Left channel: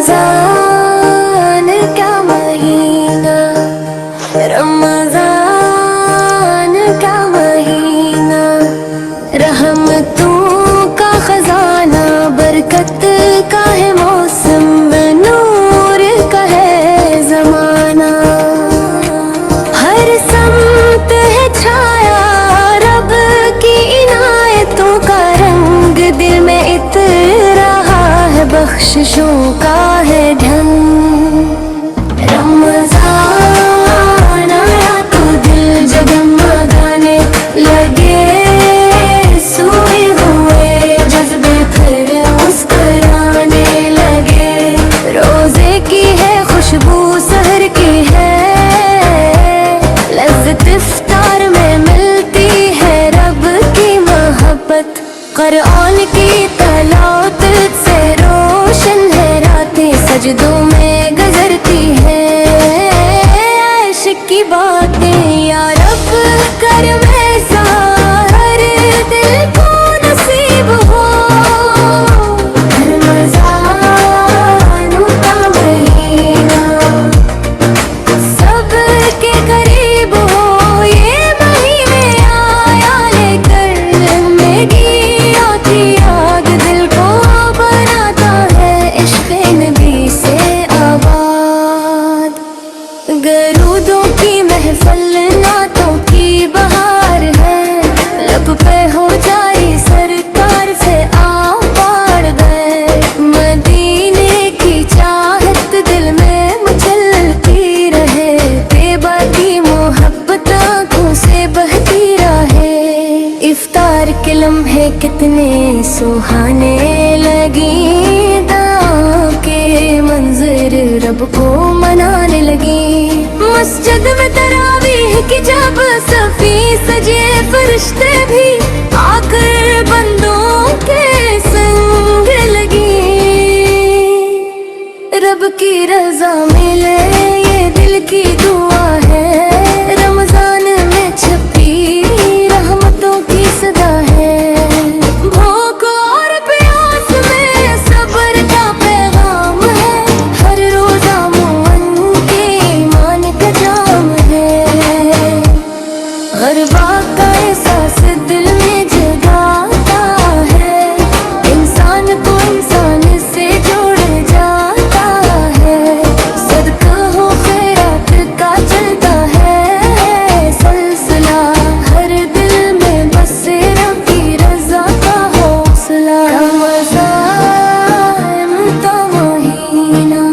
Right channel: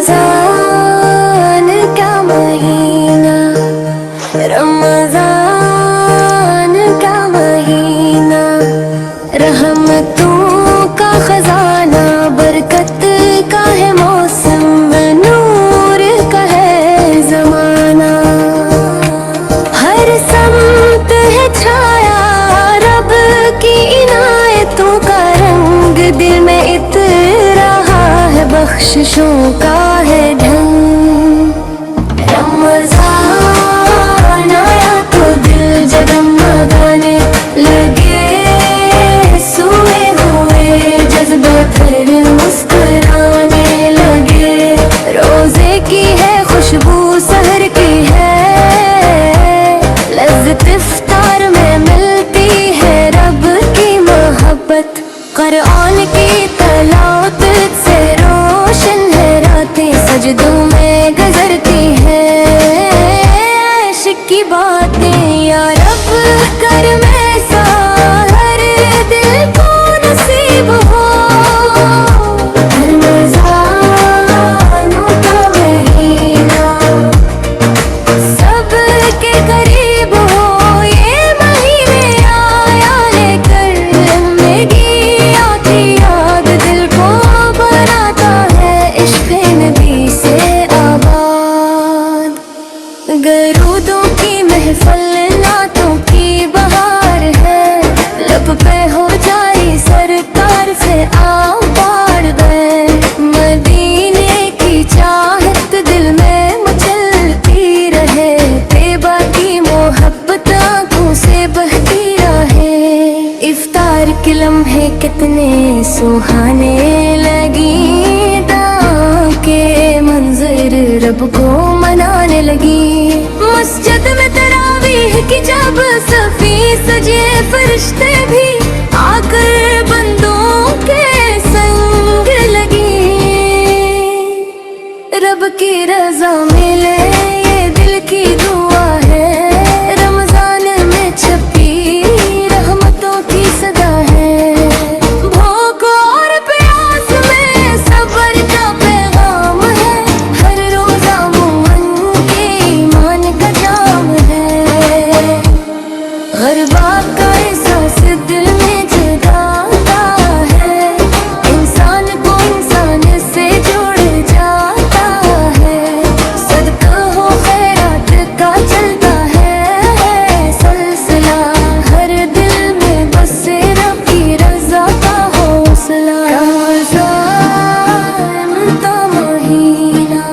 रमज़ान का महीना, रमज़ान का महीना, रहमतों का खजाना, बरकत का है मौसम, नूर का है ज़माना। हर समत है छाया रब की इनायतों का रंग, दिल में इतरा है बख्शिशों का है ढंग। रमज़ान आया तो दिल जगमगाने लगे, सोए हुए जज्बे फिर मुस्कुराने लगे। रोजे की है खुशबू सहर की है, लज़्ज़त इफ्तार में मिलती है रब की मोहब्बत। कुरान की तलावत से रोशन है रातें, सजदों में गुजरती है इश्क की बातें। या रब कर में सा हर दिल को नसीब हो, रमज़ानों का महीना सबके करीब हो। ये महीने आया लेकर जिंदगी आती याद, दिल को बनाता है इश्क़ नबी से आबाद। गरूदों की महफिल नातों की बहार है, लब पे हो जारी सरकार से आओ बाढ़ गए। मदीने की चाहत दिल में मचलती रहे, बेबा की मोहब्बत आँखों से बहती रहे। इफ्तार के लम्हे कितने सुहाने लगी, दां के मंजर रब को मनाने लगी। मस्जिद में तरावीह की जब सफी सजे, फरिश्ते भी आकर बंदों के संग लगी। रब की रजा मिले ये दिल की दुआ है, रमजान में छपी रहमतों की सदा है। भूख और प्यास में सब्र का पैगाम है, हर रोजा मुअन के ईमान का जाम है। गरबा का एहसास दिल में जगाता है, इंसान को इंसान से जोड़ जाता है। सदका हो खैरात का चलता है सिलसिला, हर दिल में बसे रब की रजा का हौसला। रमज़ान का महीना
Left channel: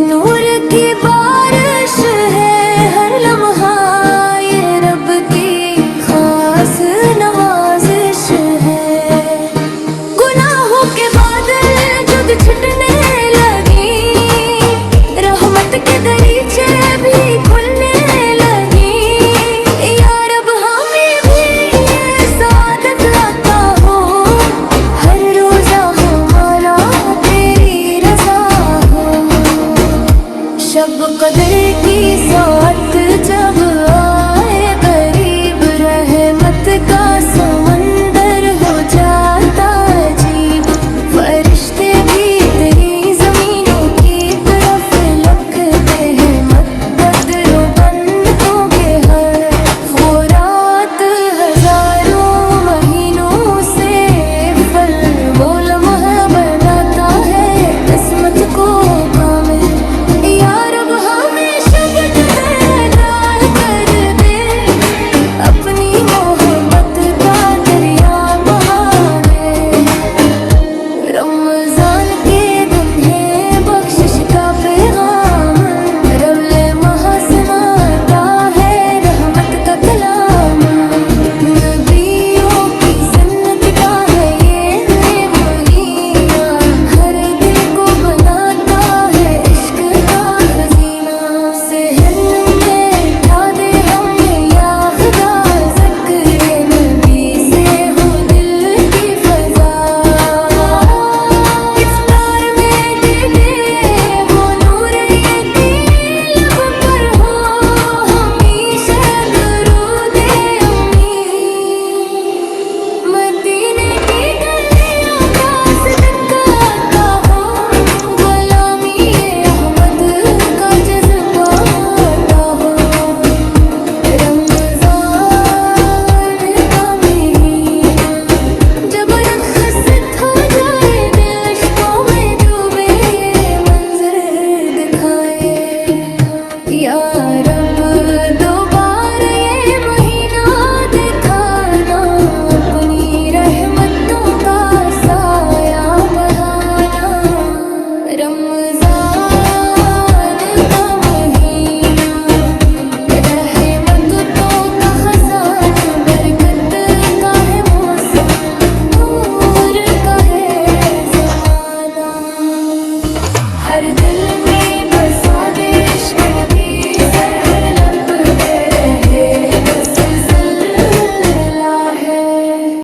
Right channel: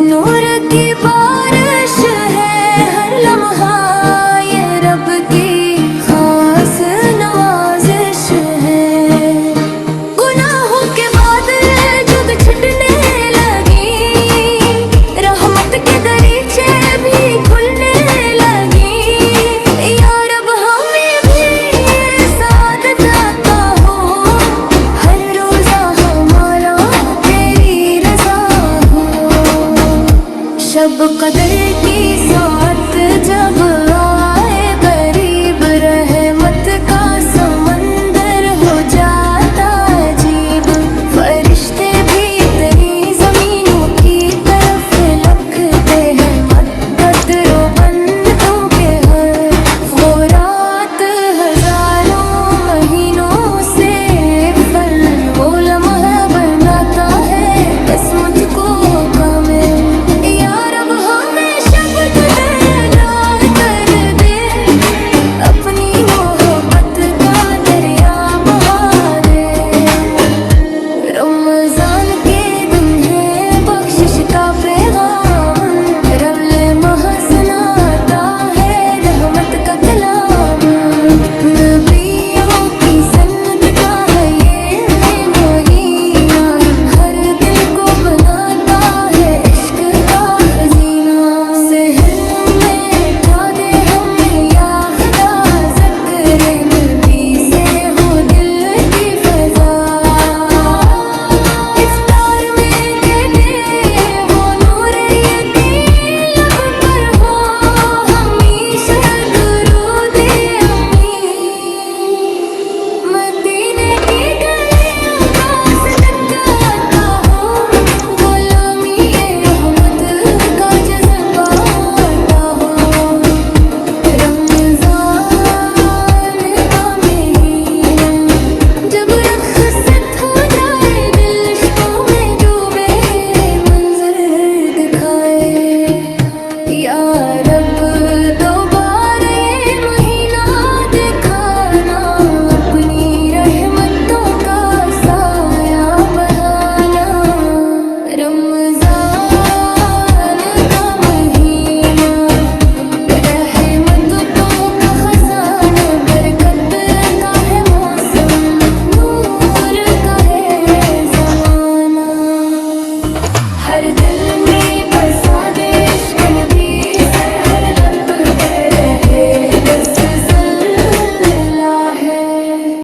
नूर की बारिश है, हर लम्हा ये रब की खास नवाजिश है। गुनाहों के बादल जुद छुटने लगी, रहमत के दरीचे भी खुलने लगी। या रब हमें भी ये सादत अता हो, हर रोजा हमारा तेरी रजा हो। शब कदर की साथ जब आए करीब, रहमत का समंदर हो जाता अजीब। फरिश्ते भी तेरी जमीनों की तरफ लखते हैं, मददो बंदों के हर। वो रात हजारों महीनों से फल, वो लम्हा बनाता है किस्मत को कामिल। या रब हमें शब्द निगार कर दे, अपनी मोहब्बत का दरिया बहा दे। रमजान के दुन्हे बख्शिश का पैगाम, रब ले महासनाता है रहमत का कलाम। नबियों की सन्नत का है ये महीना, हर दिल को बनाता है इश्क का खजीना। सहर में उठा दे हमें या खुदा, ज़िक्र नबी से हो दिल की फजा। इफ्तार में दे दे वो नूरे रमजान